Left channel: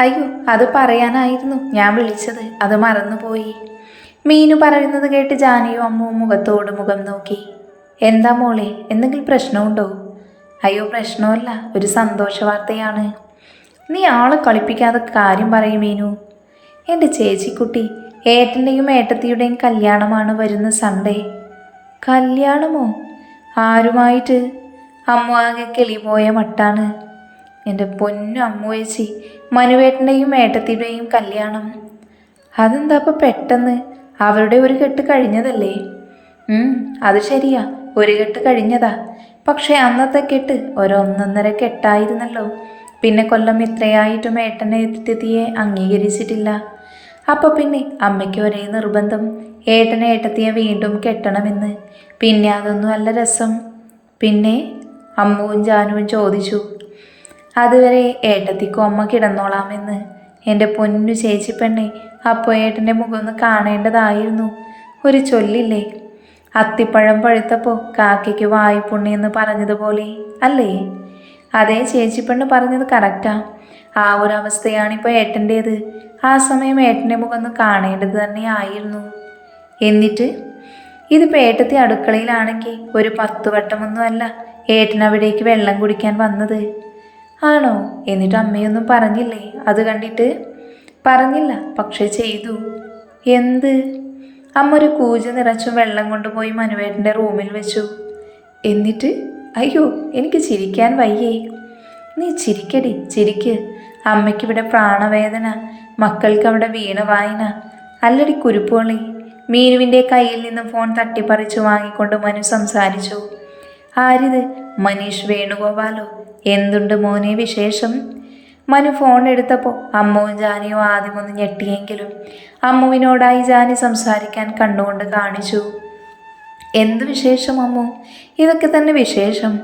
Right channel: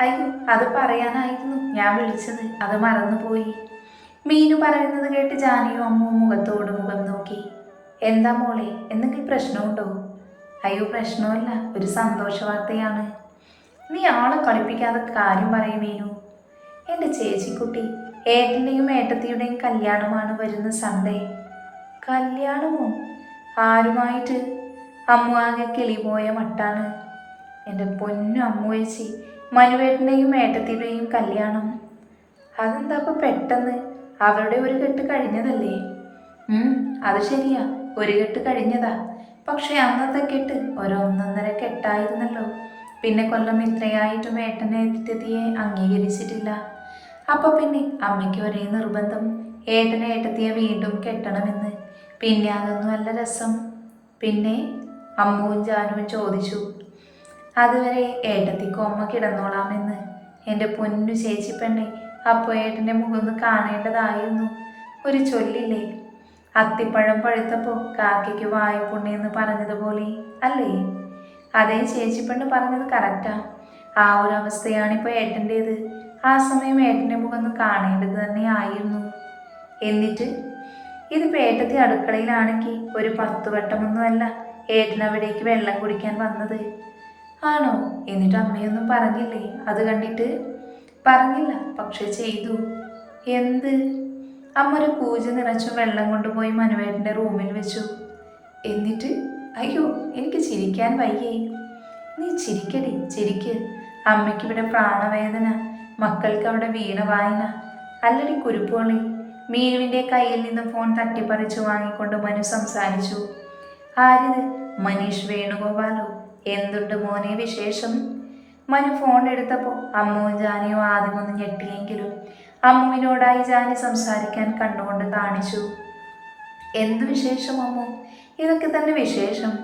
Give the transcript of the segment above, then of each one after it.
അയ്യോ അത് പറയാനായിരുന്നു. ഞാൻ വിളിച്ചത്. അത് മറന്നുപോയി. മീനു പറയുന്നത് കേട്ട് ജാനിയും അമ്മുവും മുഖത്തോട് മുഖം നോക്കി. എന്താ മോളെ എന്തെങ്കിലും പ്രശ്നമുണ്ടോ? അയ്യോ പ്രശ്നമല്ല. ഒരു സന്തോഷ വാർത്തയാണ്. നീ ആളെ കളിപ്പിക്കാതെ കാര്യം പറയും മീനു. എന്റെ ചേച്ചിക്കുട്ടി ഏട്ടന്റെയും ഏട്ടത്തിയുടെയും കല്യാണമാണ് വരുന്ന സൺഡേ കല്യാണമോ? ആരുമായിട്ട്? അമ്മ ആകെ കിളിപോയ മട്ടാണ്. എന്റെ പൊന്നു അമ്മുവേച്ചി മനുവേട്ടന്റെയും ഏട്ടത്തിയുടെയും കല്യാണം. അതെന്താ ഇപ്പം പെട്ടെന്ന്? അവരുടെ ഒരു കെട്ട് കഴിഞ്ഞതല്ലേ? അത് ശരിയാ. ഒരു കെട്ട് കഴിഞ്ഞതാ. പക്ഷേ അന്നത്തെ കെട്ട് ഒരൊന്നൊന്നര കെട്ടായിരുന്നല്ലോ. പിന്നെ കൊല്ലം ഇത്രയായിട്ടും ഏട്ടനെ എത്തിയെ അംഗീകരിച്ചിട്ടില്ല. അപ്പോൾ പിന്നെ അമ്മയ്ക്ക് ഒരേ നിർബന്ധം. ഏട്ടനെ ഏട്ടത്തിയെ വീണ്ടും കെട്ടണമെന്ന്. പിന്നെ അതൊന്നും അല്ല രസം. പിന്നെ അമ്മുവും ജാനുവും ചോദിച്ചു. അതുവരെ ഏട്ടത്തിക്കും അമ്മ കിടന്നോളാമെന്ന്. എന്റെ പൊന്നു ചേച്ചി പെണ്ണെ അപ്പോൾ ഏട്ടന്റെ മുഖം ഒന്ന് കാണേണ്ടതായിരുന്നു. ഒരു ചൊല്ലില്ലേ? അത്തിപ്പഴം പഴുത്തപ്പോൾ കാക്കയ്ക്ക് വായ്പുണ്യെന്ന് പറഞ്ഞതുപോലെ അല്ലേ? അതേ ചേച്ചി പെണ്ണ് പറഞ്ഞത് കറക്റ്റാ. ആ ഒരു അവസ്ഥയാണിപ്പോൾ ഏട്ടന്റേത് ആ സമയം ഏട്ടന്റെ മുഖം ഒന്ന് കാണേണ്ടത് തന്നെ ആയിരുന്നു. എന്നിട്ട്? ഇതിപ്പോൾ ഏട്ടത്തി അടുക്കളയിലാണെങ്കിൽ ഒരു പത്ത് വട്ടമൊന്നും അല്ല ഏട്ടൻ അവിടേക്ക് വെള്ളം കുടിക്കാൻ വന്നത്. ആണോ? എന്നിട്ട് അമ്മയൊന്നും പറഞ്ഞില്ലേ? അത് കണ്ടിട്ട്? പറഞ്ഞില്ല പക്ഷേ ചെയ്തു. എന്ത്? അമ്മ ഒരു കൂജ നിറച്ചും വെള്ളം കൊണ്ടുപോയി മനുവേട്ടന്റെ റൂമിൽ വെച്ചു. എന്നിട്ട്? അയ്യോ എനിക്ക് ചിരിക്കാൻ വയ്യേ. നീ ചിരിക്കടി ചിരിക്ക്. അമ്മയ്ക്കിവിടെ പ്രാണവേദന മക്കൾക്ക് അവിടെ വീണ വായന. അല്ലടി കുരുപ്പോളി മീനുവിന്റെ കയ്യിൽ നിന്ന് ഫോൺ തട്ടിപ്പറിച്ചു വാങ്ങിക്കൊണ്ട് മനു സംസാരിച്ചു. ആരിത്? മനീഷ് വേണുഗോപാലോ? എന്തുണ്ട് മോനെ വിശേഷം? മനു ഫോൺ എടുത്തപ്പോൾ അമ്മുവും ജാനിയും ആദ്യമൊന്ന് ഞെട്ടിയെങ്കിലും അമ്മുവിനോടായി ജാനി സംസാരിക്കാൻ കണ്ണുകൊണ്ട് കാണിച്ചു. എന്ത് വിശേഷം അമ്മു? ഇതൊക്കെ തന്നെ വിശേഷം.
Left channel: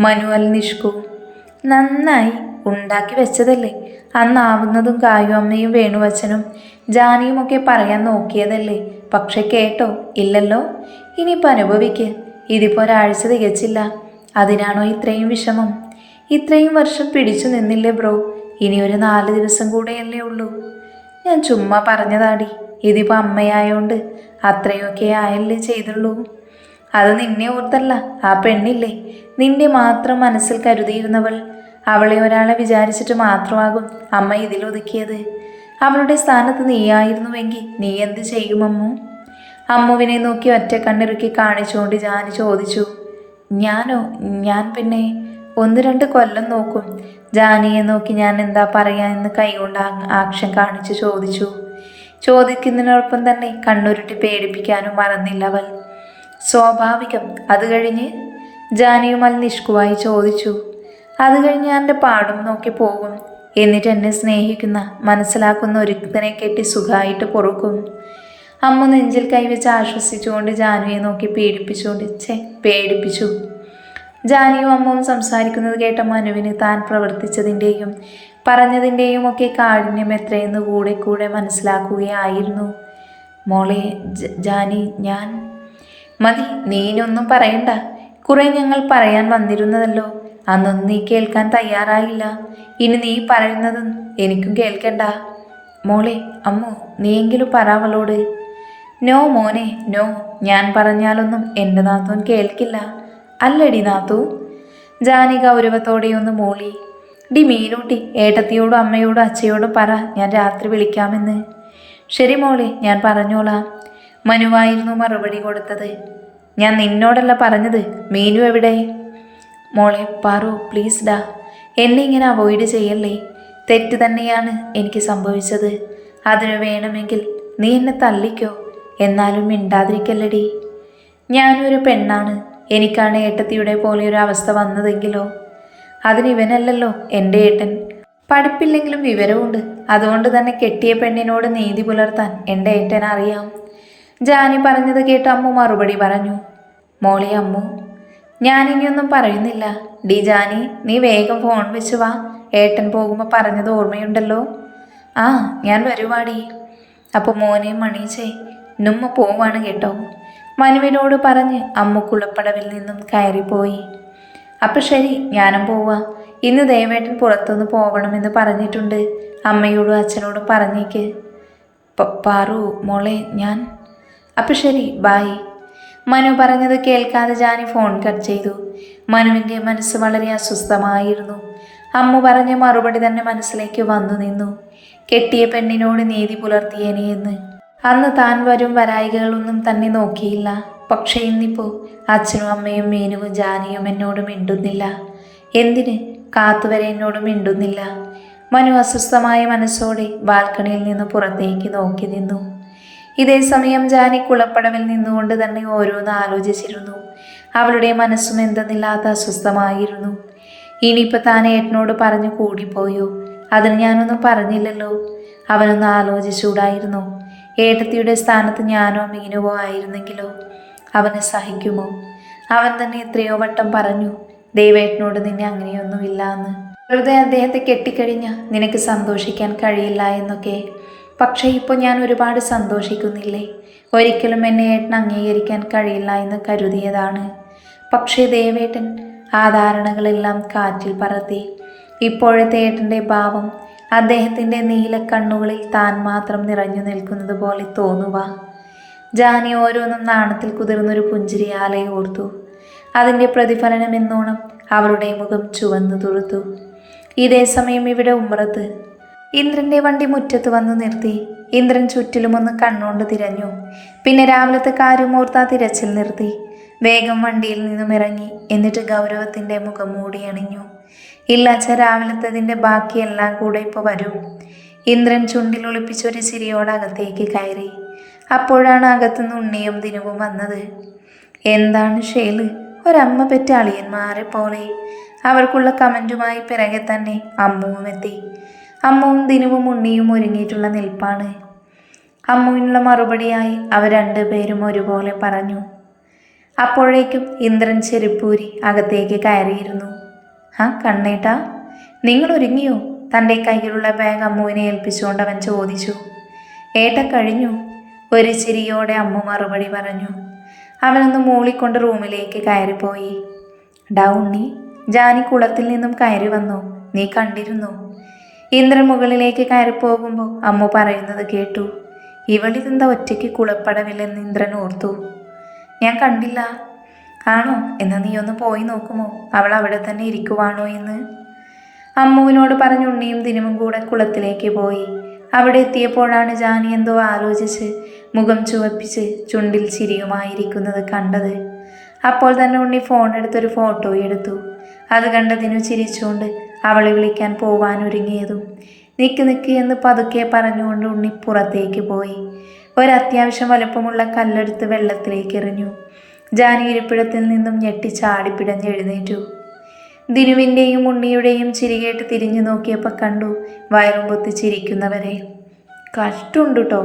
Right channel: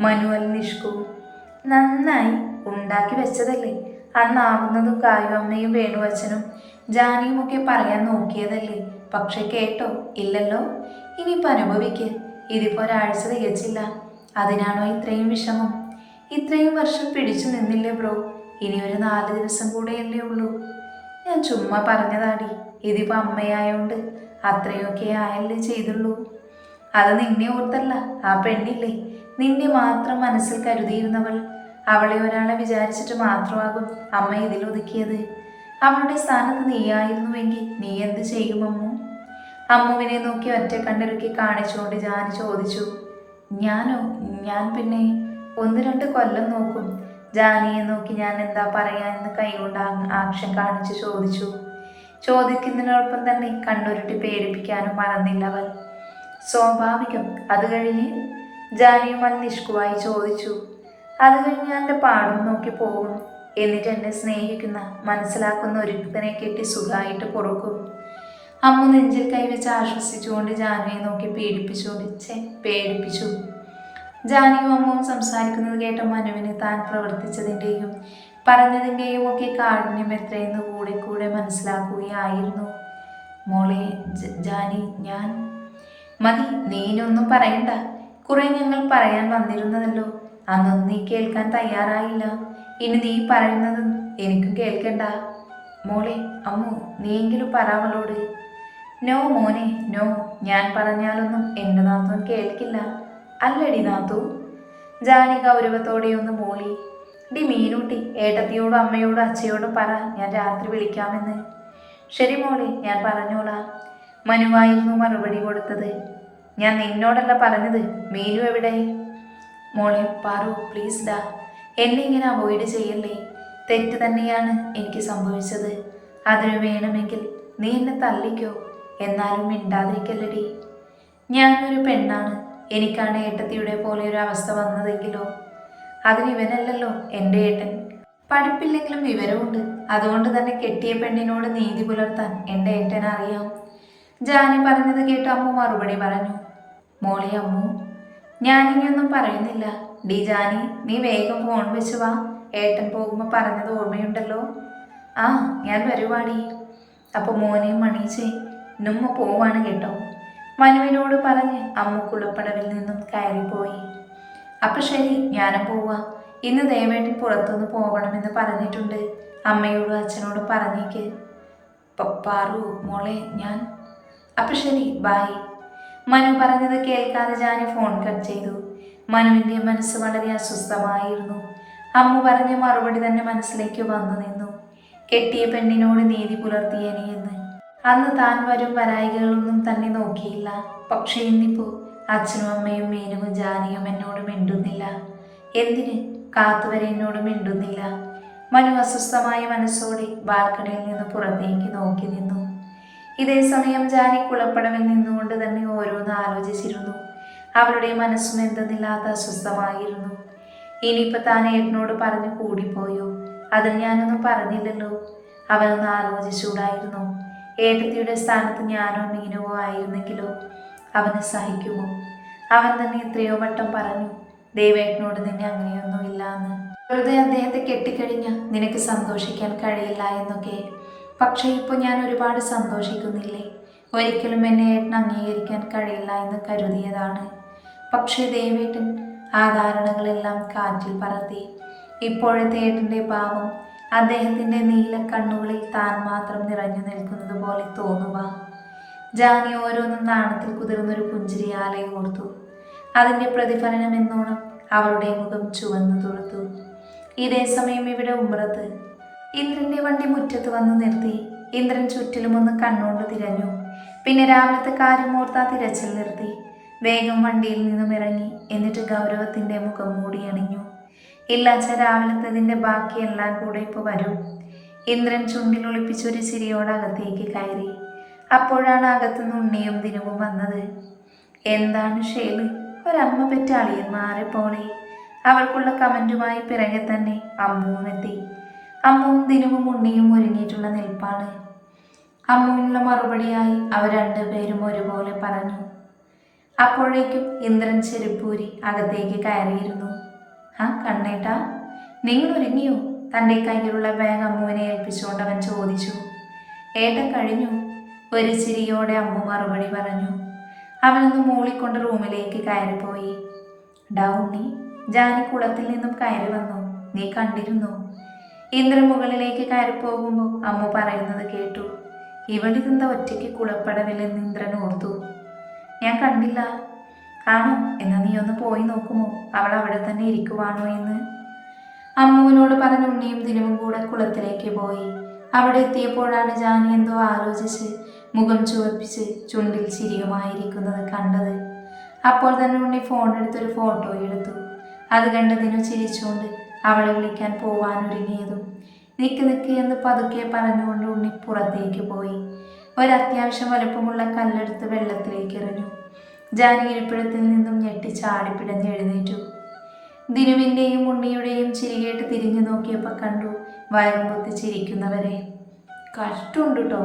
മനുവൽ നിഷ്കു. നന്നായി. ഉണ്ടാക്കി വെച്ചതല്ലേ? അന്നാവുന്നതും കായു അമ്മയും വേണുവച്ചനും ജാനിയും ഒക്കെ പറയാൻ നോക്കിയതല്ലേ? പക്ഷെ കേട്ടോ ഇല്ലല്ലോ. ഇനിയിപ്പോൾ അനുഭവിക്ക്. ഇതിപ്പോൾ ഒരാഴ്ച തികച്ചില്ല. അതിനാണോ ഇത്രയും വിഷമം? ഇത്രയും വർഷം പിടിച്ചു നിന്നില്ലേ ബ്രോ? ഇനി ഒരു നാല് ദിവസം കൂടെയല്ലേ ഉള്ളൂ. ഞാൻ ചുമ്മാ പറഞ്ഞതാടി. ഇതിപ്പോൾ അമ്മയായോണ്ട് അത്രയൊക്കെ ആയല്ലേ ചെയ്തുള്ളൂ. അത് നിന്നെ ഓർത്തല്ല. ആ പെണ്ണില്ലേ. നിന്റെ മാത്രം മനസ്സിൽ കരുതിയിരുന്നവൾ. അവളെ ഒരാളെ വിചാരിച്ചിട്ട് മാത്രമാകും അമ്മ ഇതിലൊതുക്കിയത് അവളുടെ സ്ഥാനത്ത് നീയായിരുന്നുവെങ്കിൽ നീ എന്ത് ചെയ്യും അമ്മു? അമ്മുവിനെ നോക്കി ഒറ്റ കണ്ണിറുക്കി കാണിച്ചുകൊണ്ട് ഞാൻ ചോദിച്ചു. ഞാനോ? ഞാൻ പിന്നെ ഒന്ന് രണ്ട് കൊല്ലം നോക്കും. ജാനിയെ നോക്കി ഞാൻ എന്താ പറയാ എന്ന് കൈകൊണ്ട് ആക്ഷൻ കാണിച്ച് ചോദിച്ചു. ചോദിക്കുന്നതിനോടൊപ്പം തന്നെ കണ്ണുരുട്ടി പേടിപ്പിക്കാനും മറന്നില്ല അവൾ. സ്വാഭാവികം അത് കഴിഞ്ഞ് ജാനിയുമൽ നിഷ്കുവായി ചോദിച്ചു. അത് കഴിഞ്ഞ് എന്റെ പാടും നോക്കി പോകും. എന്നിട്ട് എന്നെ സ്നേഹിക്കുന്ന മനസ്സിലാക്കുന്ന ഒരുത്തനെ കെട്ടി സുഖമായിട്ട് പൊറുക്കും. അമ്മ നെഞ്ചിൽ കൈവച്ച് ആശ്വസിച്ചുകൊണ്ട് ജാനുവിയെ നോക്കി പേടിപ്പിച്ചുകൊണ്ട് ചെ പേടിപ്പിച്ചു. ജാനിയും അമ്മവും സംസാരിക്കുന്നത് കേട്ട മനുവിന് താൻ പ്രവർത്തിച്ചതിന്റെയും പറഞ്ഞതിന്റെയും ഒക്കെ കാഠിന്യം എത്രയെന്ന് കൂടെ കൂടെ മനസ്സിലാക്കുകയായിരുന്നു. മോളെ ജാനി ഞാൻ? മതി നീനൊന്നും പറയണ്ട. കുറെ ഞങ്ങൾ പറയാൻ വന്നിരുന്നതല്ലോ. അന്നൊന്നും നീ കേൾക്കാൻ തയ്യാറായില്ല. ഇനി നീ പറയുന്നതും എനിക്കും കേൾക്കണ്ട. മോളെ അമ്മു നീയെങ്കിലും പറ അവളോട്. നോ മോനെ നോ. ഞാൻ പറഞ്ഞാലൊന്നും എന്റെ നാത്തൂൻ കേൾക്കില്ല. അല്ലടി നാത്തു. ജാനി ഗൗരവത്തോടെ ഒന്ന് മോളി. ഡി മീനൂട്ടി ഏട്ടത്തിയോടും അമ്മയോടും അച്ഛയോടും പറ ഞാൻ രാത്രി വിളിക്കാമെന്ന്. ശരി മോളെ ഞാൻ പറഞ്ഞോളാം. മനുവായിരുന്നു മറുപടി കൊടുത്തത്. ഞാൻ നിന്നോടല്ല പറഞ്ഞത്. മീനു എവിടെ? മോളെ പറു പ്ലീസ് ഡാ. എന്നെ ഇങ്ങനെ അവോയ്ഡ് ചെയ്യല്ലേ? തെറ്റ് തന്നെയാണ് എനിക്ക് സംഭവിച്ചത്. അതിനു വേണമെങ്കിൽ നീ എന്നെ തല്ലിക്കോ. എന്നാലും മിണ്ടാതിരിക്കല്ലടി. ഞാനൊരു പെണ്ണാണ്. എനിക്കാണ് ഏട്ടത്തിയുടെ പോലെ ഒരു അവസ്ഥ വന്നതെങ്കിലോ? അതിന് ഇവനല്ലല്ലോ എന്റെ ഏട്ടൻ. പഠിപ്പില്ലെങ്കിലും വിവരമുണ്ട്. അതുകൊണ്ട് തന്നെ കെട്ടിയ പെണ്ണിനോട് നീതി പുലർത്താൻ എന്റെ ഏട്ടൻ അറിയാം. ജാനി പറഞ്ഞത് കേട്ട് അമ്മു മറുപടി പറഞ്ഞു മോളെ അമ്മു ഞാനിനിയൊന്നും പറയുന്നില്ല. ഡി ജാനി നീ വേഗം ഫോൺ വെച്ച് വാ. ഏട്ടൻ പോകുമ്പോൾ പറഞ്ഞത് ഓർമ്മയുണ്ടല്ലോ? ആ ഞാൻ വരുവാടി. അപ്പോൾ മോനെയും മണീച്ചേ നുമ്മ പോവാണ് കേട്ടോ. മനുവിനോട് പറഞ്ഞ് അമ്മ കുളപ്പടവിൽ നിന്നും കയറിപ്പോയി. അപ്പം ശരി ഞാനും പോവാം. ഇന്ന് ദയവേട്ടൻ പുറത്തുനിന്ന് പോകണമെന്ന് പറഞ്ഞിട്ടുണ്ട്. അമ്മയോടും അച്ഛനോടും പറഞ്ഞേക്ക്. പാറു മോളെ ഞാൻ. അപ്പം ശരി ബായ്. മനു പറഞ്ഞത് കേൾക്കാതെ ജാനി ഫോൺ കട്ട് ചെയ്തു. മനുവിന്റെ മനസ്സ് വളരെ അസ്വസ്ഥമായിരുന്നു. അമ്മ പറഞ്ഞ മറുപടി തന്നെ മനസ്സിലേക്ക് വന്നു നിന്നു. കെട്ടിയ പെണ്ണിനോട് നീതി പുലർത്തിയേനെ എന്ന്. അന്ന് താൻ വരും വരായികകളൊന്നും തന്നെ നോക്കിയില്ല. പക്ഷേ ഇന്നിപ്പോൾ അച്ഛനും അമ്മയും മീനുവും ജാനിയും എന്നോട് മിണ്ടുന്നില്ല. എന്തിന്? കാത്തുവരെ എന്നോട് മിണ്ടുന്നില്ല. മനു അസ്വസ്ഥമായ മനസ്സോടെ ബാൽക്കണിയിൽ നിന്ന് പുറത്തേക്ക് നോക്കി നിന്നു. ഇതേ സമയം ജാനി കുളപ്പടവിൽ നിന്നുകൊണ്ട് തന്നെ ഓരോന്ന് ആലോചിച്ചിരുന്നു. അവളുടെ മനസ്സും എന്തെന്നില്ലാത്ത അസ്വസ്ഥമായിരുന്നു. ഇനിയിപ്പോൾ താൻ ഏട്ടനോട് പറഞ്ഞു കൂടിപ്പോയോ? അതിന് ഞാനൊന്നും പറഞ്ഞില്ലല്ലോ. അവനൊന്ന് ആലോചിച്ചൂടായിരുന്നു ഏട്ടത്തിയുടെ സ്ഥാനത്ത് ഞാനോ മീനുവോ ആയിരുന്നെങ്കിലോ അവന് സഹിക്കുമോ? അവൻ തന്നെ എത്രയോ വട്ടം പറഞ്ഞു ദൈവേട്ടനോട് നിന്നെ അങ്ങനെയൊന്നുമില്ല എന്ന്. വെറുതെ അദ്ദേഹത്തെ കെട്ടിക്കഴിഞ്ഞ നിനക്ക് സന്തോഷിക്കാൻ കഴിയില്ല എന്നൊക്കെ. പക്ഷേ ഇപ്പോൾ ഞാൻ ഒരുപാട് സന്തോഷിക്കുന്നില്ലേ? ഒരിക്കലും എന്നെ ഏട്ടൻ അംഗീകരിക്കാൻ കഴിയില്ല എന്ന് കരുതിയതാണ്. പക്ഷേ ദേവേട്ടൻ ആ ധാരണകളെല്ലാം കാറ്റിൽ പറത്തി. ഇപ്പോഴത്തെ ഏട്ടന്റെ ഭാവം അദ്ദേഹത്തിന്റെ നീലക്കണ്ണുകളിൽ താൻ മാത്രം നിറഞ്ഞു നിൽക്കുന്നത് പോലെ തോന്നുക. ജാനി ഓരോന്നും നാണത്തിൽ കുതിർന്നൊരു പുഞ്ചിരിയാലെ ഓർത്തു. അതിന്റെ പ്രതിഫലനം എന്നോണം അവരുടെ മുഖം ചുവന്നു തുറുത്തു ഇതേ സമയം ഇവിടെ ഉമ്രത്ത് ഇന്ദ്രന്റെ വണ്ടി മുറ്റത്ത് വന്നു നിർത്തി. ഇന്ദ്രൻ ചുറ്റിലുമൊന്ന് കണ്ണുകൊണ്ട് തിരഞ്ഞു. പിന്നെ രാവിലത്തെ കാര്യമോർത്താ തിരച്ചിൽ നിർത്തി. വേഗം വണ്ടിയിൽ നിന്നും ഇറങ്ങി. എന്നിട്ട് ഗൗരവത്തിന്റെ മുഖം മൂടി അണിഞ്ഞു. ഇല്ലാച്ച രാവിലത്തതിന്റെ ബാക്കിയെല്ലാം കൂടെ ഇപ്പോൾ വരൂ. ഇന്ദ്രൻ ചുണ്ടിൽ ഒളിപ്പിച്ചൊരു ചിരിയോടെ അകത്തേക്ക് കയറി. അപ്പോഴാണ് അകത്തുനിന്ന് ഉണ്ണിയും ദിനവും വന്നത്. എന്താണ് ഷേൽ? ഒരമ്മ പെറ്റ അളിയന്മാരെ പോലെ. അവർക്കുള്ള കമന്റുമായി പിറകെ തന്നെ അമ്മുവും എത്തി. അമ്മുവും ദിനവും ഉണ്ണിയും ഒരുങ്ങിയിട്ടുള്ള നിൽപ്പാണ്. അമ്മുവിനുള്ള മറുപടിയായി അവർ രണ്ടുപേരും ഒരുപോലെ പറഞ്ഞു. അപ്പോഴേക്കും ഇന്ദ്രൻ ചെരുപ്പൂരി അകത്തേക്ക് കയറിയിരുന്നു. ആ കണ്ണേട്ടാ നിങ്ങൾ ഒരുങ്ങിയോ? തന്റെ കയ്യിലുള്ള ബാഗ് അമ്മുവിനെ ഏൽപ്പിച്ചുകൊണ്ട് അവൻ ചോദിച്ചു. ഏട്ട കഴിഞ്ഞു. ഒരു ചിരിയോടെ അമ്മ മറുപടി പറഞ്ഞു. അവനൊന്ന് മൂളിക്കൊണ്ട് റൂമിലേക്ക് കയറിപ്പോയി. ഡാ ഉണ്ണി ജാനി കുളത്തിൽ നിന്നും കയറി വന്നു. നീ കണ്ടിരുന്നു. ഇന്ദ്രൻ മുകളിലേക്ക് കയറി പോകുമ്പോൾ അമ്മ പറയുന്നത് കേട്ടു. ഇവളിതെന്താ ഒറ്റയ്ക്ക് കുളപ്പടവില്ലെന്ന് ഇന്ദ്രൻ ഓർത്തു. ഞാൻ കണ്ടില്ല. ആണോ? എന്നാൽ നീ ഒന്ന് പോയി നോക്കുമോ? അവൾ അവിടെ തന്നെ ഇരിക്കുവാണോ എന്ന്? അമ്മുവിനോട് പറഞ്ഞ ഉണ്ണിയും ദിനവും കൂടെ കുളത്തിലേക്ക് പോയി. അവിടെ എത്തിയപ്പോഴാണ് ജാനി എന്തോ ആലോചിച്ച് മുഖം ചുവപ്പിച്ച് ചുണ്ടിൽ ചിരിയുമായിരിക്കുന്നത് കണ്ടത്. അപ്പോൾ തന്നെ ഉണ്ണി ഫോൺ എടുത്തൊരു ഫോട്ടോ എടുത്തു. അത് കണ്ടതിനു ചിരിച്ചുകൊണ്ട് അവളെ വിളിക്കാൻ പോവാൻ ഒരുങ്ങിയതും നിക്ക് നിക്ക് എന്ന് പതുക്കെ പറഞ്ഞുകൊണ്ട് ഉണ്ണി പുറത്തേക്ക് പോയി. ഒരത്യാവശ്യം വലുപ്പമുള്ള കല്ലെടുത്ത് വെള്ളത്തിലേക്ക് എറിഞ്ഞു. ജാനി ഇരിപ്പിടത്തിൽ നിന്നും ഞെട്ടി ചാടിപ്പിടഞ്ഞ് എഴുന്നേറ്റു. ദിനുവിന്റെയും ഉണ്ണിയുടെയും ചിരികേട്ട് തിരിഞ്ഞു നോക്കിയപ്പോൾ കണ്ടു വയറും പൊത്തി ചിരിക്കുന്നവരെ. കഷ്ടമുണ്ട് കേട്ടോ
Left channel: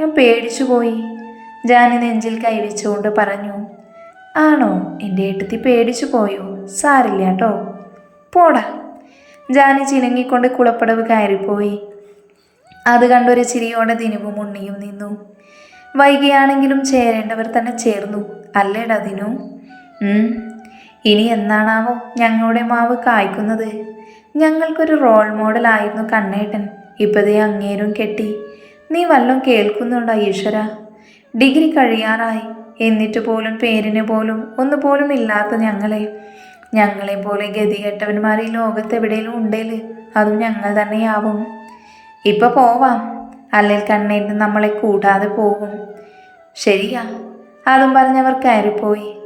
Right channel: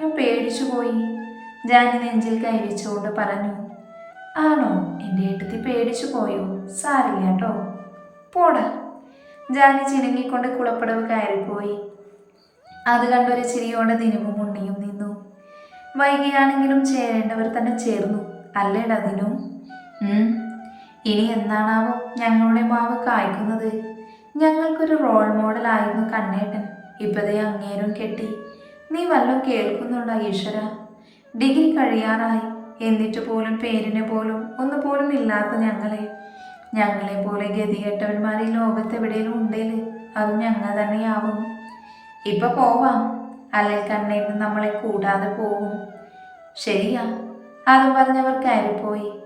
ഞാൻ പേടിച്ചു പോയി. ജാനി നെഞ്ചിൽ കൈവച്ചുകൊണ്ട് പറഞ്ഞു ആണോ എന്റെ ഏട്ടത്തി പേടിച്ചു പോയോ? സാരില്ല കേട്ടോ പോടാ. ജാനി ചിനങ്ങിക്കൊണ്ട് കുളപ്പടവ് കയറിപ്പോയി. അത് കണ്ടൊരു ചിരിയോടെ ദിനുവും ഉണ്ണിയും നിന്നു. വൈകിയാണെങ്കിലും ചേരേണ്ടവർ തന്നെ ചേർന്നു. അല്ലേടാ ദിനു. ഇനി എന്നാണാവോ ഞങ്ങളുടെ മാവ് കായ്ക്കുന്നത്. ഞങ്ങൾക്കൊരു റോൾ മോഡൽ ആയിരുന്നു കണ്ണേട്ടൻ. ഇപ്പതേ അങ്ങേരും കെട്ടി. നീ വല്ലതും കേൾക്കുന്നുണ്ടോ ഈശ്വര? ഡിഗ്രി കഴിയാറായി. എന്നിട്ട് പോലും പേരിന് പോലും ഒന്നു പോലും ഇല്ലാത്ത ഞങ്ങളെ. ഞങ്ങളെ പോലെ ഗതികെട്ടവന്മാർ ഈ എവിടെയെങ്കിലും ഉണ്ടേൽ അതും ഞങ്ങൾ തന്നെയാവും. ഇപ്പൊ പോവാം. അല്ലെങ്കിൽ കണ്ണേട്ടൻ നമ്മളെ കൂടാതെ പോകും. ശരിയാ. അതും പറഞ്ഞവർ കയറിപ്പോയി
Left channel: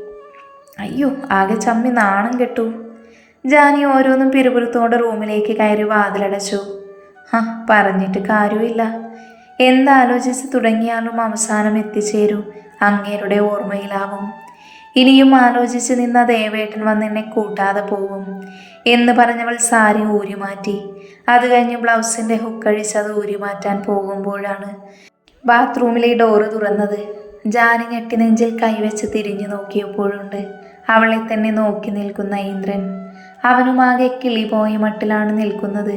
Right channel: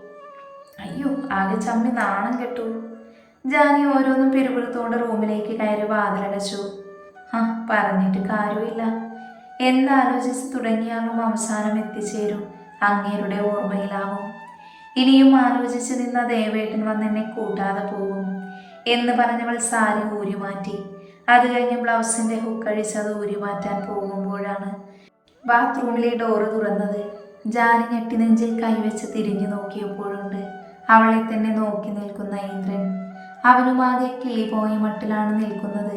അയ്യോ ആകെ ചമ്മി നാണം കെട്ടു. ജാനി ഓരോന്നും പിരുപുറത്തോടെ റൂമിലേക്ക് കയറി വാതിലടച്ചു. ആ പറഞ്ഞിട്ട് കാര്യമില്ല. എന്താലോചിച്ച് തുടങ്ങിയാലും അവസാനം എത്തിച്ചേരും അങ്ങേരുടെ ഓർമ്മയിലാവും. ഇനിയും ആലോചിച്ച് നിന്ന ദേവേട്ടൻ വന്നെന്നെ കൂട്ടാതെ പോകും എന്ന് പറഞ്ഞവൾ സാരി ഊരിമാറ്റി. അത് കഴിഞ്ഞ് ബ്ലൗസിന്റെ ഹുക്കഴിച്ച് അത് ഊരിമാറ്റാൻ പോകുമ്പോഴാണ് ബാത്റൂമിലെ ഡോറ് തുറന്നത്. ജാനി ഞെട്ടി നെഞ്ചിൽ കൈവച്ച് തിരിഞ്ഞു നോക്കിയപ്പോഴുണ്ട്. അവളെ തന്നെ നോക്കി നിൽക്കുന്ന ഇന്ദ്രൻ. അവനുമാകെ കിളി പോയ മട്ടിലാണ് നിൽക്കുന്നത്.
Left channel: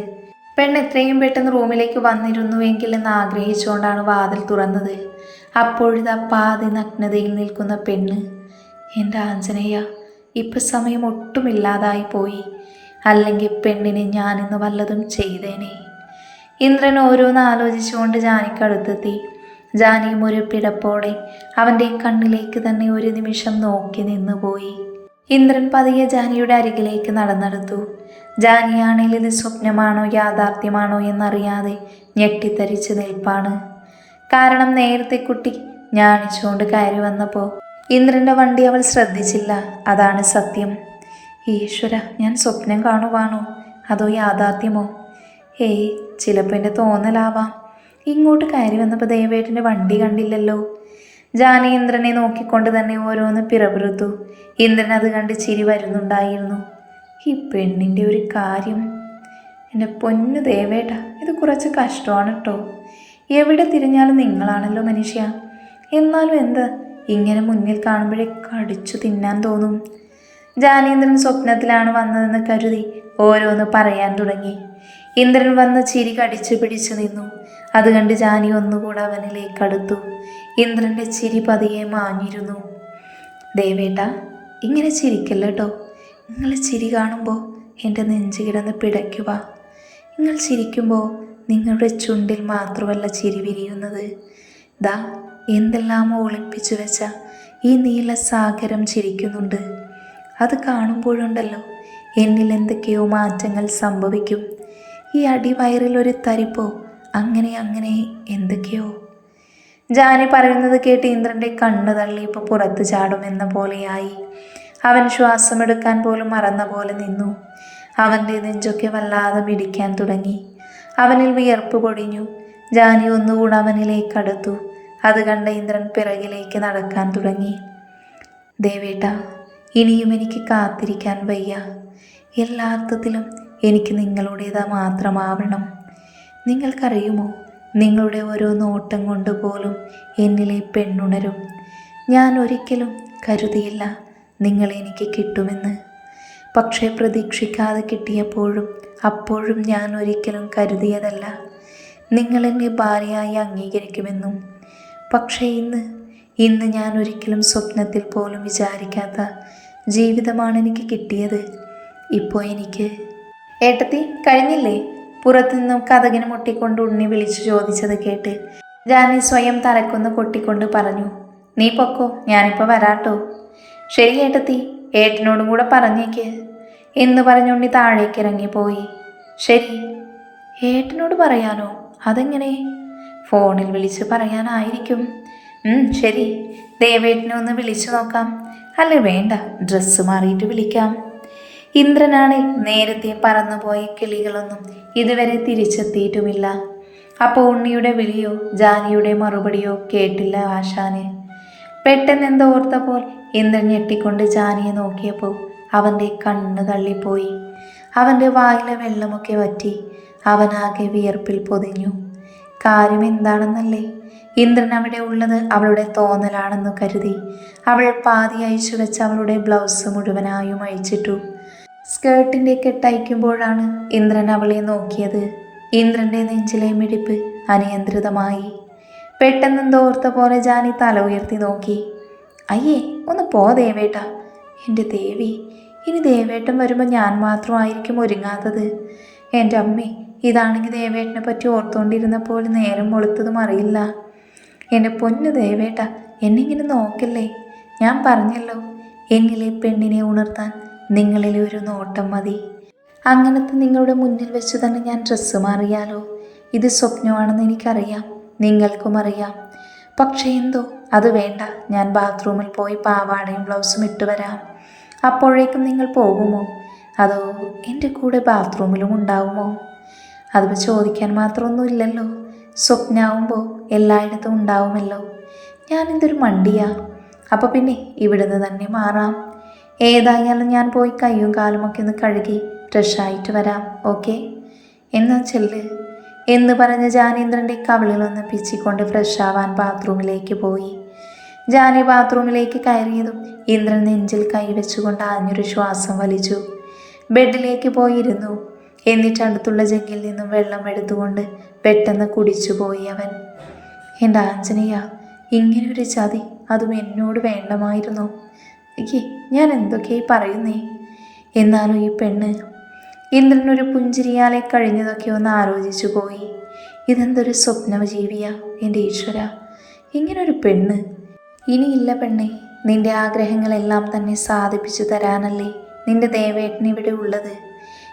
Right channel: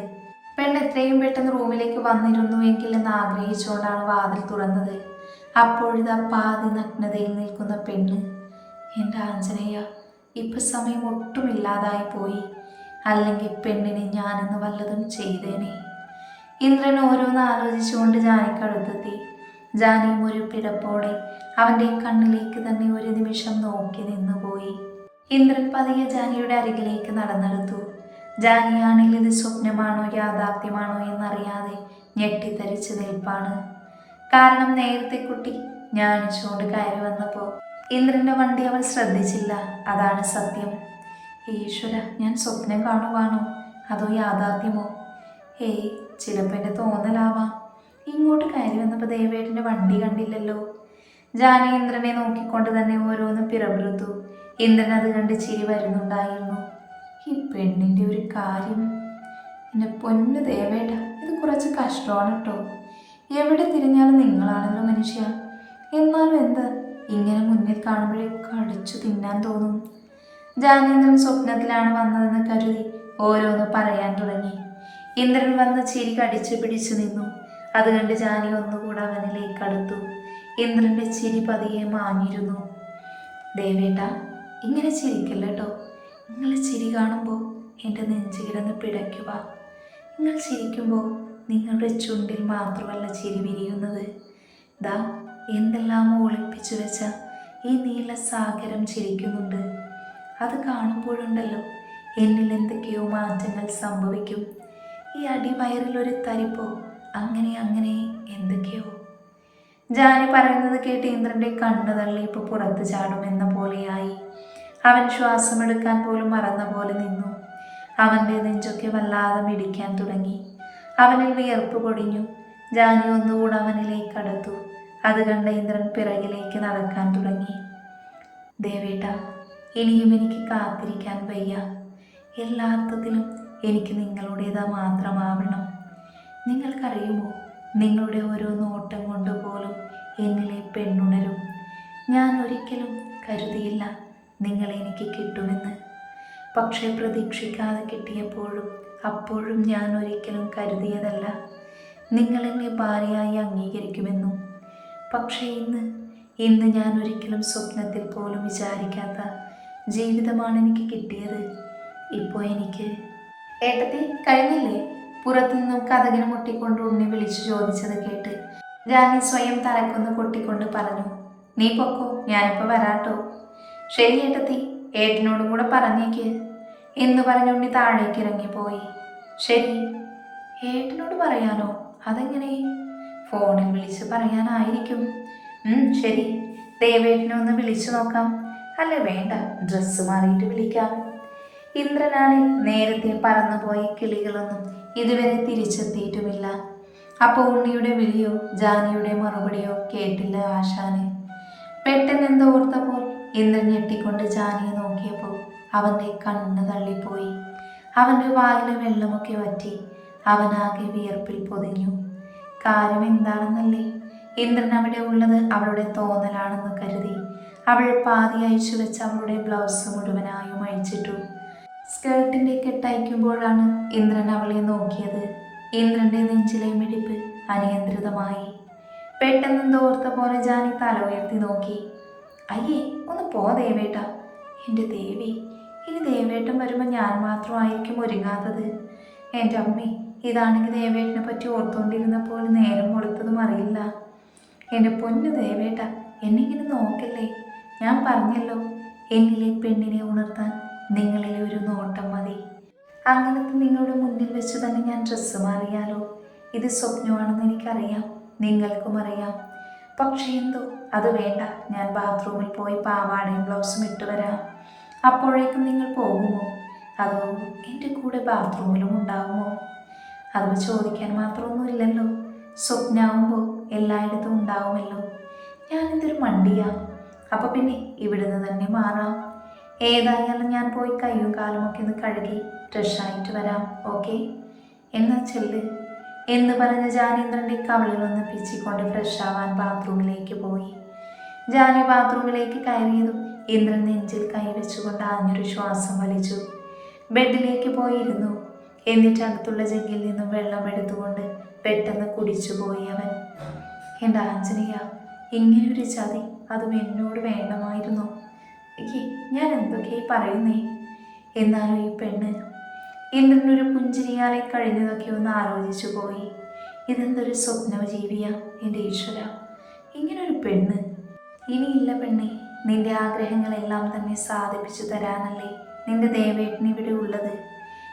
പെണ്ണ് എത്രയും പെട്ടെന്ന് റൂമിലേക്ക് വന്നിരുന്നുവെങ്കിൽ എന്ന് ആഗ്രഹിച്ചുകൊണ്ടാണ് വാതിൽ തുറന്നത്. അപ്പോഴിതാ പാതി നഗ്നതയിൽ നിൽക്കുന്ന പെണ്ണ്. എന്റെ ആഞ്ജനേയ ഇപ്പം സമയം ഒട്ടുമില്ലാതായി പോയി. അല്ലെങ്കിൽ പെണ്ണിനെ ഞാനിന്ന് വല്ലതും ചെയ്തേനെ. ഇന്ദ്രൻ ഓരോന്ന് ആലോചിച്ചുകൊണ്ട് ജാനിക്കടുത്തെത്തി ഒരു പിടപ്പോടെ അവന്റെ കണ്ണിലേക്ക് തന്നെ ഒരു നിമിഷം നോക്കി നിന്നുപോയി. ഇന്ദ്രൻ പതിയെ ജാനിയുടെ അരികിലേക്ക് നടന്നെടുത്തു. ജാനിയാണെങ്കിൽ ഇത് സ്വപ്നമാണോ യാഥാർത്ഥ്യമാണോ എന്നറിയാതെ ഞെട്ടിത്തരിച്ച് നിൽപ്പാണ്. കാരണം നേരത്തെ കുട്ടി ഞാണിച്ചുകൊണ്ട് കയറി വന്നപ്പോൾ ഇന്ദ്രന്റെ വണ്ടി അവൾ ശ്രദ്ധിച്ചില്ല. അതാണ് സത്യം. ഈശ്വര ഞാൻ സ്വപ്നം കാണുവാണോ? അതോ യാഥാർത്ഥ്യമോ? ഏയ് ചിലപ്പോൾ എന്റെ തോന്നലാവാം. ഇങ്ങോട്ട് കയറി വന്നപ്പോൾ ദേവേട്ടന്റെ വണ്ടി കണ്ടില്ലല്ലോ. ജാനി ഇന്ദ്രനെ നോക്കിക്കൊണ്ട് തന്നെ ഓരോന്ന് പിറപിറുത്തു. ഇന്ദ്രൻ അത് കണ്ട് ചിരി വരുന്നുണ്ടായിരുന്നു. ഈ പെണ്ണിന്റെ ഒരു കാര്യം. എന്റെ പൊന്നു ദേവേട്ട ഇത് കുറച്ച് കഷ്ടമാണ് കേട്ടോ എവിടെ തിരിഞ്ഞാലും നിങ്ങളാണല്ലോ മനുഷ്യ. എന്നാലും എന്ത് ഇങ്ങനെ മുന്നിൽ കാണുമ്പോഴേ കടിച്ചു തിന്നാൻ തോന്നും. ജാനേന്ദ്രൻ സ്വപ്നത്തിലാണ് വന്നതെന്ന് കരുതി ഓരോന്ന് പറയാൻ തുടങ്ങി. ഇന്ദ്രൻ വന്ന് ചിരി കടിച്ചു പിടിച്ചു നിന്നു. അത് കണ്ട് ജാനി ഒന്നുകൂടെ അവനിലേക്ക് അടുത്തു. ഇന്ദ്രന്റെ ചിരി പതിയെ മാഞ്ഞിരുന്നു. ദേവേട്ട ഇങ്ങനെ ചിരിക്കല്ല കേട്ടോ നിങ്ങൾ ചിരി കാണുമ്പോൾ എന്റെ നെഞ്ച് കിടന്ന് പിടയ്ക്കുക. നിങ്ങൾ ചിരിക്കുമ്പോൾ നിങ്ങളുടെ ചുണ്ടിൽ മാത്രമല്ല ചിരി വിരിയുന്നത്. ദാ എന്തെല്ലാമോ ഒളിപ്പിച്ചു വെച്ച ഈ നീല സാഗരം ചിരിക്കുന്നുണ്ട്. അത് കാണുമ്പോഴുണ്ടല്ലോ എന്നിൽ എന്തൊക്കെയോ മാറ്റങ്ങൾ സംഭവിക്കും. ഈ അടിവയറിൽ ഒരു തരിപ്പോ അങ്ങനെ അങ്ങനെ എന്തൊക്കെയോ. ജാനി പറയുന്നത് കേട്ട് ഇന്ദ്രന്റെ കണ്ണു തള്ളി ഇപ്പോൾ പുറത്ത് ചാടുമെന്ന പോലെയായി. അവൻ ശ്വാസമെടുക്കാൻ പോലും മറന്ന പോലെ നിന്നു. അവന്റെ നെഞ്ചൊക്കെ വല്ലാതെ മിടിക്കാൻ തുടങ്ങി. അവനിൽ വിയർപ്പ് പൊടിഞ്ഞു. ജാനി ഒന്നുകൂടെ അവനിലേക്ക് അടുത്തു. അത് കണ്ട ഇന്ദ്രൻ പിറകിലേക്ക് നടക്കാൻ തുടങ്ങി. ദേവേട്ട ഇനിയും എനിക്ക് കാത്തിരിക്കാൻ വയ്യ. എല്ലാ അർത്ഥത്തിലും എനിക്ക് നിങ്ങളുടേത് മാത്രമാവണം. നിങ്ങൾക്കറിയുമോ? നിങ്ങളുടെ ഓരോ നോട്ടം കൊണ്ട് പോലും എന്നിലെ പെണ്ണുണരും. ഞാൻ ഒരിക്കലും കരുതിയില്ല നിങ്ങൾ എനിക്ക് കിട്ടുമെന്ന്. പക്ഷേ പ്രതീക്ഷിക്കാതെ കിട്ടിയപ്പോഴും അപ്പോഴും ഞാൻ ഒരിക്കലും കരുതിയതല്ല. നിങ്ങൾ എന്നെ ഭാര്യയായി അംഗീകരിക്കുമെന്നും. പക്ഷേ ഇന്ന് ഇന്ന് ഞാൻ ഒരിക്കലും സ്വപ്നത്തിൽ പോലും വിചാരിക്കാത്ത ജീവിതമാണ് എനിക്ക് കിട്ടിയത്. ഇപ്പോൾ എനിക്ക് ഏട്ടത്തി കഴിഞ്ഞില്ലേ? പുറത്തുനിന്നും കഥകിന് മുട്ടിക്കൊണ്ട് ഉണ്ണി വിളിച്ചു ചോദിച്ചത് കേട്ട് ജാനി സ്വയം തലക്കൊന്ന് കൊട്ടിക്കൊണ്ട് പറഞ്ഞു നീ പൊക്കോ ഞാനിപ്പോൾ വരാട്ടോ. ശരി ഏട്ടത്തി ഏട്ടനോടും കൂടെ പറഞ്ഞേക്ക് എന്ന് പറഞ്ഞുണ്ണി താഴേക്ക് ഇറങ്ങിപ്പോയി. ശരി ഏട്ടനോട് പറയാനോ? അതെങ്ങനെ? ഫോണിൽ വിളിച്ച് പറയാനായിരിക്കും. ശരി ദേവേട്ടനെ ഒന്ന് വിളിച്ചു നോക്കാം. അല്ല വേണ്ട ഡ്രസ്സ് മാറിയിട്ട് വിളിക്കാം. ഇന്ദ്രനാണ് നേരത്തെ പറന്നുപോയ കിളികളൊന്നും ഇതുവരെ തിരിച്ചെത്തിയിട്ടുമില്ല. അപ്പോൾ ഉണ്ണിയുടെ വിളിയോ ജാനിയുടെ മറുപടിയോ കേട്ടില്ല ആശാന്. പെട്ടെന്ന് എന്തോ ഓർത്തപ്പോൾ ഇന്ദ്രൻ ഞെട്ടിക്കൊണ്ട് ജാനിയെ നോക്കിയപ്പോൾ അവന്റെ കണ്ണ് തള്ളിപ്പോയി. അവന്റെ വായിലെ വെള്ളമൊക്കെ വറ്റി അവനാകെ വിയർപ്പിൽ പൊതിഞ്ഞു. കാര്യം എന്താണെന്നല്ലേ? ഇന്ദ്രൻ അവിടെ ഉള്ളത് അവളുടെ തോന്നലാണെന്ന് കരുതി. അവൾ പാതി അയച്ചു അവളുടെ ബ്ലൗസ് മുഴുവനായും അഴിച്ചിട്ടു. സ്കേർട്ടിന്റെ കെട്ടയക്കുമ്പോഴാണ് ഇന്ദ്രൻ അവളെ നോക്കിയത്. ഇന്ദ്രന്റെ നെഞ്ചിലെ മിടിപ്പ് അനിയന്ത്രിതമായി. പെട്ടെന്ന് തോർത്ത പോലെ ജാനി തല ഉയർത്തി നോക്കി. അയ്യേ ഒന്ന് പോ ദേവേട്ട. എന്റെ ദേവി ഇനി ദേവേട്ടൻ വരുമ്പോൾ ഞാൻ മാത്രമായിരിക്കും ഒരുങ്ങാത്തത്. എന്റെ അമ്മേ ഇതാണെങ്കിൽ ദേവേട്ടനെ പറ്റി ഓർത്തുകൊണ്ടിരുന്നപ്പോൾ നേരം വെളുത്തതും അറിയില്ല. എന്റെ പൊന്ന് ദേവേട്ട എന്നെ ഇങ്ങനെ നോക്കല്ലേ? ഞാൻ പറഞ്ഞല്ലോ എന്നിലെ പെണ്ണിനെ ഉണർത്താൻ നിങ്ങളിലെ ഒരു നോട്ടം മതി. അങ്ങനത്തെ നിങ്ങളുടെ മുന്നിൽ വെച്ച് തന്നെ ഞാൻ ഡ്രസ്സ് മാറിയാലോ? ഇത് സ്വപ്നമാണെന്ന് എനിക്കറിയാം. നിങ്ങൾക്കും അറിയാം. പക്ഷേ എന്തോ? അത് വേണ്ട. ഞാൻ ബാത്റൂമിൽ പോയി പാവാടയും ബ്ലൗസും ഇട്ട് വരാം. അപ്പോഴേക്കും നിങ്ങൾ പോകുമോ? അതോ എന്റെ കൂടെ ബാത്റൂമിലും ഉണ്ടാവുമോ? അത് ചോദിക്കാൻ മാത്രമൊന്നുമില്ലല്ലോ. സ്വപ്നാവുമ്പോൾ എല്ലായിടത്തും ഉണ്ടാവുമല്ലോ. ഞാനിതൊരു മണ്ടിയാ. അപ്പോൾ പിന്നെ ഇവിടുന്ന് തന്നെ മാറാം. ഏതായാലും ഞാൻ പോയി കയ്യും കാലുമൊക്കെ ഒന്ന് കഴുകി ഫ്രഷായിട്ട് വരാം ഓക്കെ എന്ന് ചെല്ല്. എന്ന് പറഞ്ഞ് ജാനേന്ദ്രന്റെ കവിളിൽ കവിളിലൊന്ന് പിച്ചിക്കൊണ്ട് ഫ്രഷ് ആവാൻ ബാത്റൂമിലേക്ക് പോയി. ജാനി ബാത്റൂമിലേക്ക് കയറിയതും ഇന്ദ്രൻ നെഞ്ചിൽ കൈവച്ചുകൊണ്ട് ആഞ്ഞൊരു ശ്വാസം വലിച്ചു. ബെഡിലേക്ക് പോയിരുന്നു. എന്നിട്ട് അടുത്തുള്ള ജഗ്ഗിൽ നിന്നും വെള്ളം എടുത്തുകൊണ്ട് പെട്ടെന്ന് കുടിച്ചു പോയി അവൻ. എന്റെ ആഞ്ജനേയ ഇങ്ങനൊരു ചതി അതും എന്നോട് വേണ്ടമായിരുന്നു. ഏയ് ഞാൻ എന്തൊക്കെയായി പറയുന്നേ? എന്നാലും ഈ പെണ്ണ്. ഇന്ദ്രനൊരു പുഞ്ചിരിയാലെ കഴിഞ്ഞതൊക്കെ ഒന്ന് ആലോചിച്ചു പോയി. ഇതെന്തൊരു സ്വപ്നജീവിയാ എന്റെ ഈശ്വര. ഇങ്ങനൊരു പെണ്ണ്. ഇനിയില്ല പെണ്ണെ നിന്റെ ആഗ്രഹങ്ങളെല്ലാം തന്നെ സാധിപ്പിച്ചു തരാനല്ലേ നിന്റെ ദേവേട്ടൻ ഇവിടെ ഉള്ളത്.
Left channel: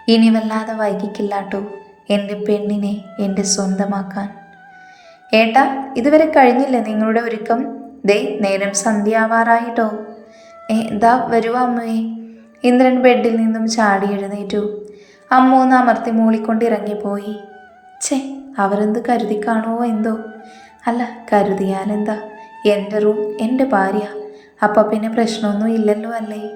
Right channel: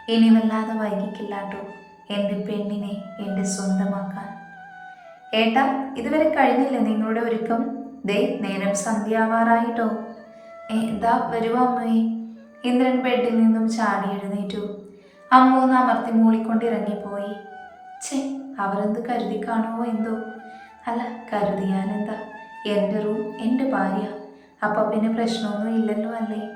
ഇനി വല്ലാതെ വൈകിക്കില്ലാട്ടോ എന്റെ പെണ്ണിനെ എന്റെ സ്വന്തമാക്കാൻ. ഏട്ടാ ഇതുവരെ കഴിഞ്ഞില്ലേ നിങ്ങളുടെ ഒരുക്കം? ദേ നേരം സന്ധ്യാവാറായിട്ടോ. ഏ വരുവ അമ്മേ. ഇന്ദ്രൻ ബെഡിൽ നിന്നും ചാടി എഴുന്നേറ്റു. അമ്മ ഒന്ന് അമർത്തി മൂളിക്കൊണ്ട് ഇറങ്ങിപ്പോയി ചേ അവരെന്ത് കരുതി കാണുമോ എന്തോ? അല്ല കരുതിയാലെന്താ? എന്റെ റൂം എന്റെ ഭാര്യ. അപ്പം പിന്നെ പ്രശ്നമൊന്നും ഇല്ലല്ലോ അല്ലേ?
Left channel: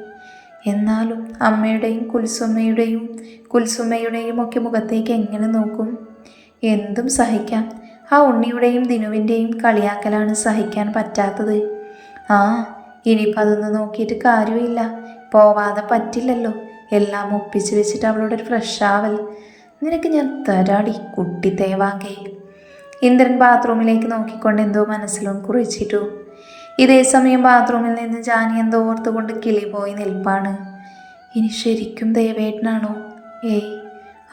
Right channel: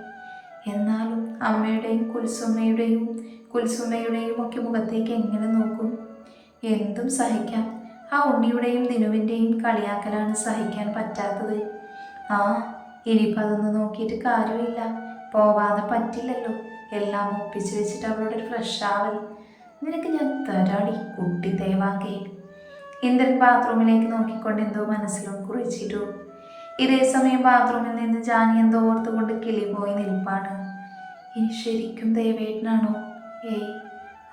എന്നാലും അമ്മയുടെയും കുൽസുമ്മയുടെയും കുൽസുമ്മയുടെയും ഒക്കെ മുഖത്തേക്ക് എങ്ങനെ നോക്കും? എന്തും സഹിക്കാം. ആ ഉണ്ണിയുടെയും ദിനുവിന്റെയും കളിയാക്കലാണ് സഹിക്കാൻ പറ്റാത്തത്. ആ ഇനിയിപ്പോൾ അതൊന്നും നോക്കിയിട്ട് കാര്യമില്ല. പോവാതെ പറ്റില്ലല്ലോ. എല്ലാം ഒപ്പിച്ച് വെച്ചിട്ട് അവളോട് ഒരു ഫ്രഷാവൽ നിനക്ക് ഞാൻ തരാടി കുട്ടി തേവാങ്കേ ഇന്ദ്രൻ ബാത്റൂമിലേക്ക് നോക്കിക്കൊണ്ട് എന്തോ മനസ്സിലും കുറിച്ചിട്ടു. ഇതേ സമയം ബാത്റൂമിൽ നിന്ന് ജാനി എന്തോ ഓർത്തുകൊണ്ട് കിളി പോയി നിൽപ്പാണ്. ഇനി ശരിക്കും ദേവേട്ടനാണോ? ഏയ്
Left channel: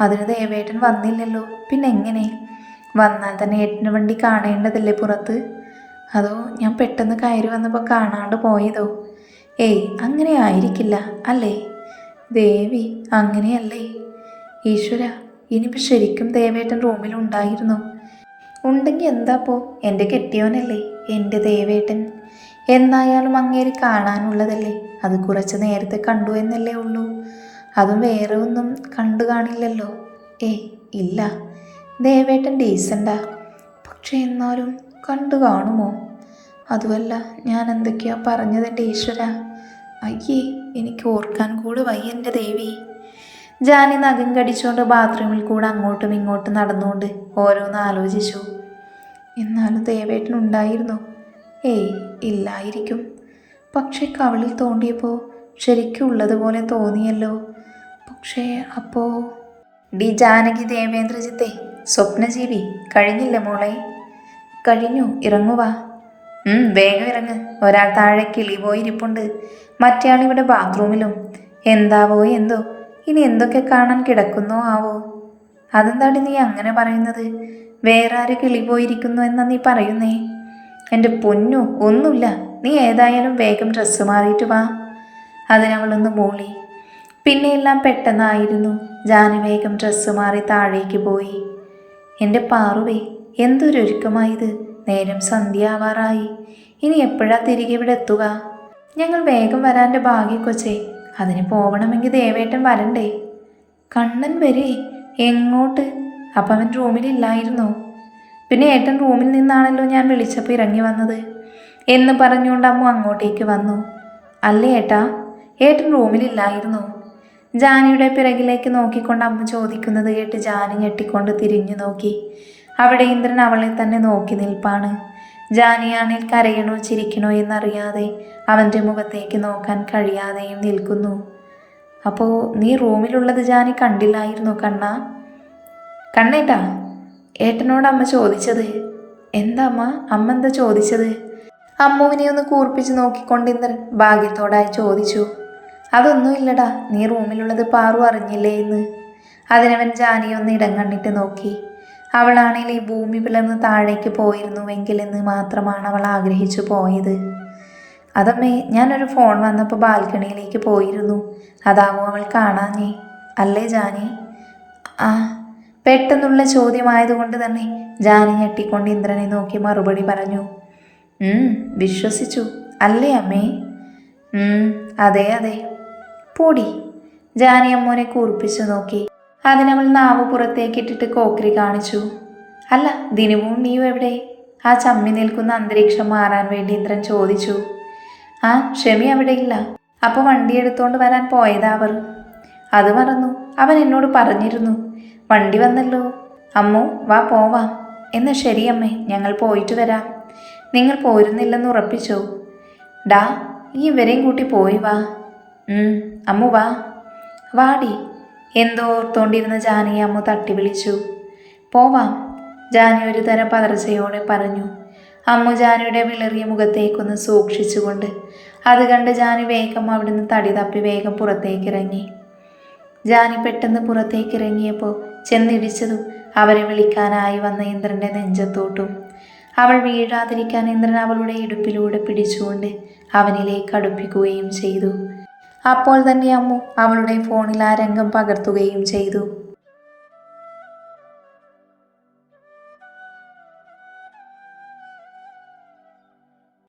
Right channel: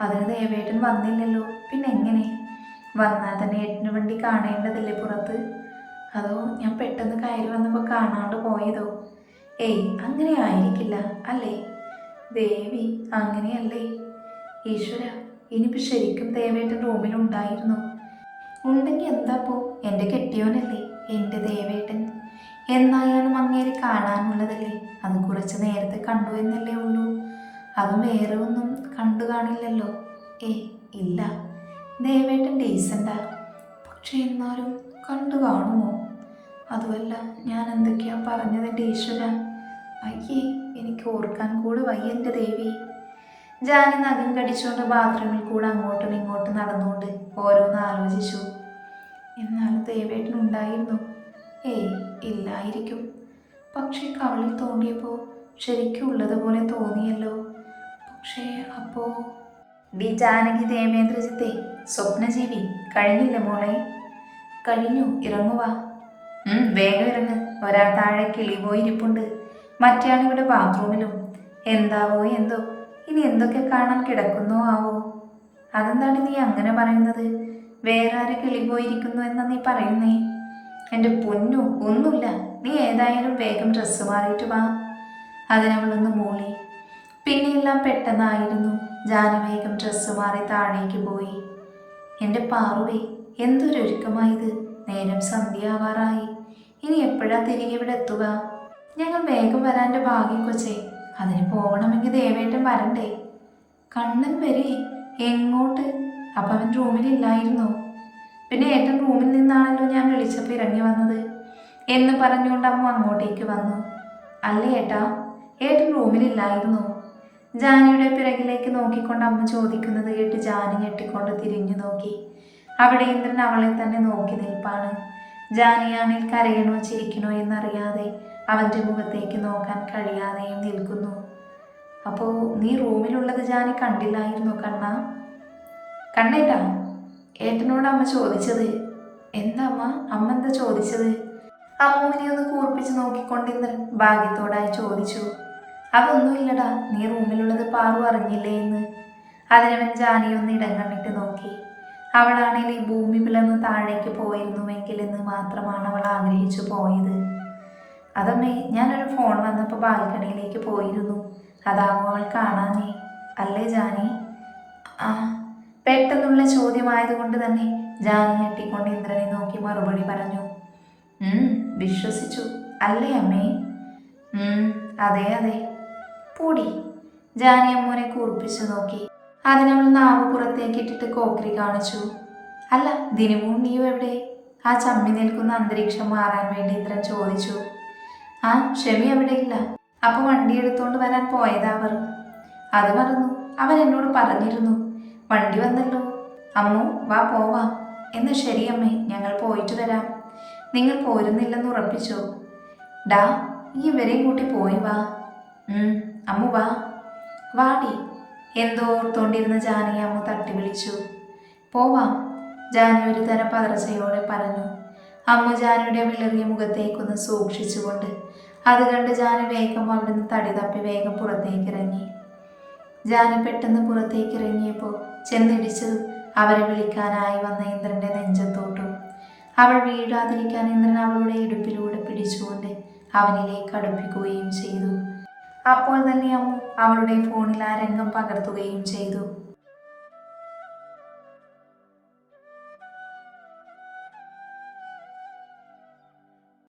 അതിന് ദേവേട്ടൻ വന്നില്ലല്ലോ. പിന്നെ എങ്ങനെ വന്നാൽ തന്നെ ഏട്ടന് വണ്ടി കാണേണ്ടതല്ലേ പുറത്ത്? അതോ ഞാൻ പെട്ടെന്ന് കയറി വന്നപ്പോൾ കാണാണ്ട് പോയതോ? ഏയ് അങ്ങനെ ആയിരിക്കില്ല അല്ലേ? ദേവി അങ്ങനെയല്ലേ? ഈശ്വര ഇനിയിപ്പോൾ ശരിക്കും ദേവേട്ടൻ റൂമിലുണ്ടായിരുന്നു ഉണ്ടെങ്കിൽ എന്താപ്പോ എന്റെ കെട്ടിയോനല്ലേ എന്റെ ദേവേട്ടൻ. എന്നായാലും അങ്ങേരി കാണാനുള്ളതല്ലേ? അത് കുറച്ച് നേരത്തെ കണ്ടു എന്നല്ലേ ഉള്ളൂ. അതും വേറെ ഒന്നും കണ്ടു കാണില്ലല്ലോ. ഏയ് ഇല്ല. ദേവേട്ടൻ ഡീസന്റാ പക്ഷേ എന്നാലും കണ്ടു കാണുമോ? അതുമല്ല ഞാൻ എന്തൊക്കെയാ പറഞ്ഞതെന്റെ ഈശ്വര? അയ്യേ എനിക്ക് ഓർക്കാൻ കൂടെ വയ്യ എന്റെ ദേവി. ജാനി നഖം കടിച്ചുകൊണ്ട് ബാത്റൂമിൽ കൂടെ അങ്ങോട്ടും ഇങ്ങോട്ടും നടന്നുകൊണ്ട് ഓരോന്ന് ആലോചിച്ചു. എന്നാലും ദേവേട്ടൻ ഉണ്ടായിരുന്നു. ഏയ് ഇല്ലായിരിക്കും. പക്ഷേ കവളിൽ തോണ്ടിയപ്പോൾ ശരിക്കും ഉള്ളതുപോലെ തോന്നിയല്ലോ. പക്ഷേ അപ്പോൾ ഡി ജാനകി ദേവേന്ദ്രജിത്തെ സ്വപ്നജീവി കഴിഞ്ഞില്ല മോളെ. കഴിഞ്ഞു ഇറങ്ങുവാ വേഗം ഇറങ്ങ്. ഒരാൾ താഴെ കിളി പോയിരിപ്പുണ്ട് മറ്റേയാൾ ഇവിടെ ബാത്റൂമിലും. എന്താവോ എന്തോ. ഇനി എന്തൊക്കെ കാണാൻ കിടക്കുന്നോ ആവോ. അതെന്താണ് നീ അങ്ങനെ പറയുന്നത്? വേറെ ആര് കിളി പോയിരിക്കുന്നു എന്നാ നീ പറയുന്നേ? എന്റെ പൊന്നു ഒന്നുമില്ല. നീ ഏതായാലും വേഗം ഡ്രസ്സ് മാറിയിട്ട് വാ. അതിനവളൊന്ന് മൂളി. പിന്നെ എല്ലാം പെട്ടെന്നായിരുന്നു. ജാനു വേഗം ഡ്രസ്സ് മാറി താഴേക്ക് പോയി. എന്റെ പാറുവേ എന്തൊരൊരുക്കമായത്? നേരം സന്ധ്യാവാറായി. ഇനി എപ്പോഴാ തിരികെ ഇവിടെ എത്തുക? ഞങ്ങൾ വേഗം വരാന്റെ ഭാഗ്യം കൊച്ചേ. അതിന് പോകണമെങ്കിൽ ദേവേട്ടൻ വരണ്ടേ? കണ്ണൻ വരെ എങ്ങോട്ട്? അപ്പം അവൻ റൂമിലില്ലായിരുന്നു. പിന്നെ ഏട്ടൻ റൂമിൽ നിന്നാണല്ലോ ഞാൻ വിളിച്ചപ്പോൾ ഇറങ്ങി വന്നത്. എന്ന് പറഞ്ഞുകൊണ്ട് അമ്മ അങ്ങോട്ടേക്ക് വന്നു. അല്ലേ ഏട്ടാ? ഏട്ടൻ റൂമിലില്ലായിരുന്നു. ജാനിയുടെ പിറകിലേക്ക് നോക്കിക്കൊണ്ട് അമ്മ ചോദിക്കുന്നത് കേട്ട് ജാനി ഞെട്ടിക്കൊണ്ട് തിരിഞ്ഞു നോക്കി. അവിടെ ഇന്ദ്രൻ അവളെ തന്നെ നോക്കി നിൽപ്പാണ്. ജാനിയാണിൽ കരയണോ ചിരിക്കണോ എന്നറിയാതെ അവന്റെ മുഖത്തേക്ക് നോക്കാൻ കഴിയാതെയും നിൽക്കുന്നു. അപ്പോൾ നീ റൂമിലുള്ളത് ജാനി കണ്ടില്ലായിരുന്നു കണ്ണ? കണ്ണേട്ടാ ഏട്ടനോട് അമ്മ ചോദിച്ചത്? എന്താ അമ്മ? അമ്മ എന്താ ചോദിച്ചത്? അമ്മുവിനെ ഒന്ന് കൂർപ്പിച്ച് നോക്കിക്കൊണ്ട് ഇന്ദ്രൻ ഭാഗ്യത്തോടായി ചോദിച്ചു. അതൊന്നുമില്ലടാ നീ റൂമിലുള്ളത് പാറു അറിഞ്ഞില്ലേ എന്ന്? അതിനവൻ ജാനിയൊന്ന് ഇടം കണ്ടിട്ട് നോക്കി. അവളാണെങ്കിൽ ഈ ഭൂമി പിളർന്ന് താഴേക്ക് പോയിരുന്നുവെങ്കിൽ എന്ന് മാത്രമാണ് അവൾ ആഗ്രഹിച്ചു പോയത്. അതമ്മേ ഞാനൊരു ഫോൺ വന്നപ്പോൾ ബാൽക്കണിയിലേക്ക് പോയിരുന്നു. അതാവും അവൾ കാണാഞ്ഞേ? അല്ലേ ജാനി? ആ പെട്ടെന്നുള്ള ചോദ്യമായതുകൊണ്ട് തന്നെ ജാനി ഞെട്ടിക്കൊണ്ട് ഇന്ദ്രനെ നോക്കി മറുപടി പറഞ്ഞു. "ഉം, വിശ്വസിച്ചു. അല്ലേ അമ്മേ? "ഉം, അതെ അതെ. പൊടി. ജാനി അമ്മോനെ കൂർപ്പിച്ചു നോക്കി. അതിനവൾ നാവ് പുറത്തേക്കിട്ടിട്ട് കോക്രി കാണിച്ചു. അല്ല ദിനവും നീയും എവിടെ? ആ ചമ്മി നിൽക്കുന്ന അന്തരീക്ഷം മാറാൻ വേണ്ടി ഇന്ദ്രൻ ചോദിച്ചു. ആ ക്ഷമി അവിടെ ഇല്ല. അപ്പോൾ വണ്ടി എടുത്തോണ്ട് വരാൻ പോയതാ അവർ. അത് മറന്നു. അവൻ എന്നോട് പറഞ്ഞിരുന്നു. വണ്ടി വന്നല്ലോ. അമ്മു വാ പോവാം. ശരി അമ്മേ ഞങ്ങൾ പോയിട്ട് വരാം. നിങ്ങൾ പോരുന്നില്ലെന്ന് ഉറപ്പിച്ചോ. ഡാ ഈ ഇവരെയും കൂട്ടി പോയി വാ. അമ്മു വാ. വാടി എന്തോ ഓർത്തോണ്ടിരുന്ന ജാനിയെ അമ്മു തട്ടി വിളിച്ചു പോവാം ജാനി ഒരു തരം പതർച്ചയോടെ പറഞ്ഞു. അമ്മു ജാനിയുടെ വിളറിയ മുഖത്തേക്കൊന്ന് സൂക്ഷിച്ചുകൊണ്ട് അത് കണ്ട് ജാനി വേഗം അവിടുന്ന് തടി തപ്പി വേഗം പുറത്തേക്കിറങ്ങി. ജാനി പെട്ടെന്ന് പുറത്തേക്കിറങ്ങിയപ്പോൾ ചെന്നിടിച്ചതും അവരെ വിളിക്കാനായി വന്ന ഇന്ദ്രന്റെ നെഞ്ചത്തോട്ടും. അവൾ വീഴാതിരിക്കാൻ ഇന്ദ്രൻ അവളുടെ ഇടുപ്പിലൂടെ പിടിച്ചുകൊണ്ട് അവനിലേക്ക് അടുപ്പിക്കുകയും ചെയ്തു. അപ്പോൾ തന്നെ അമ്മു അവളുടെ ഫോണിൽ ആ രംഗം പകർത്തുകയും ചെയ്തു.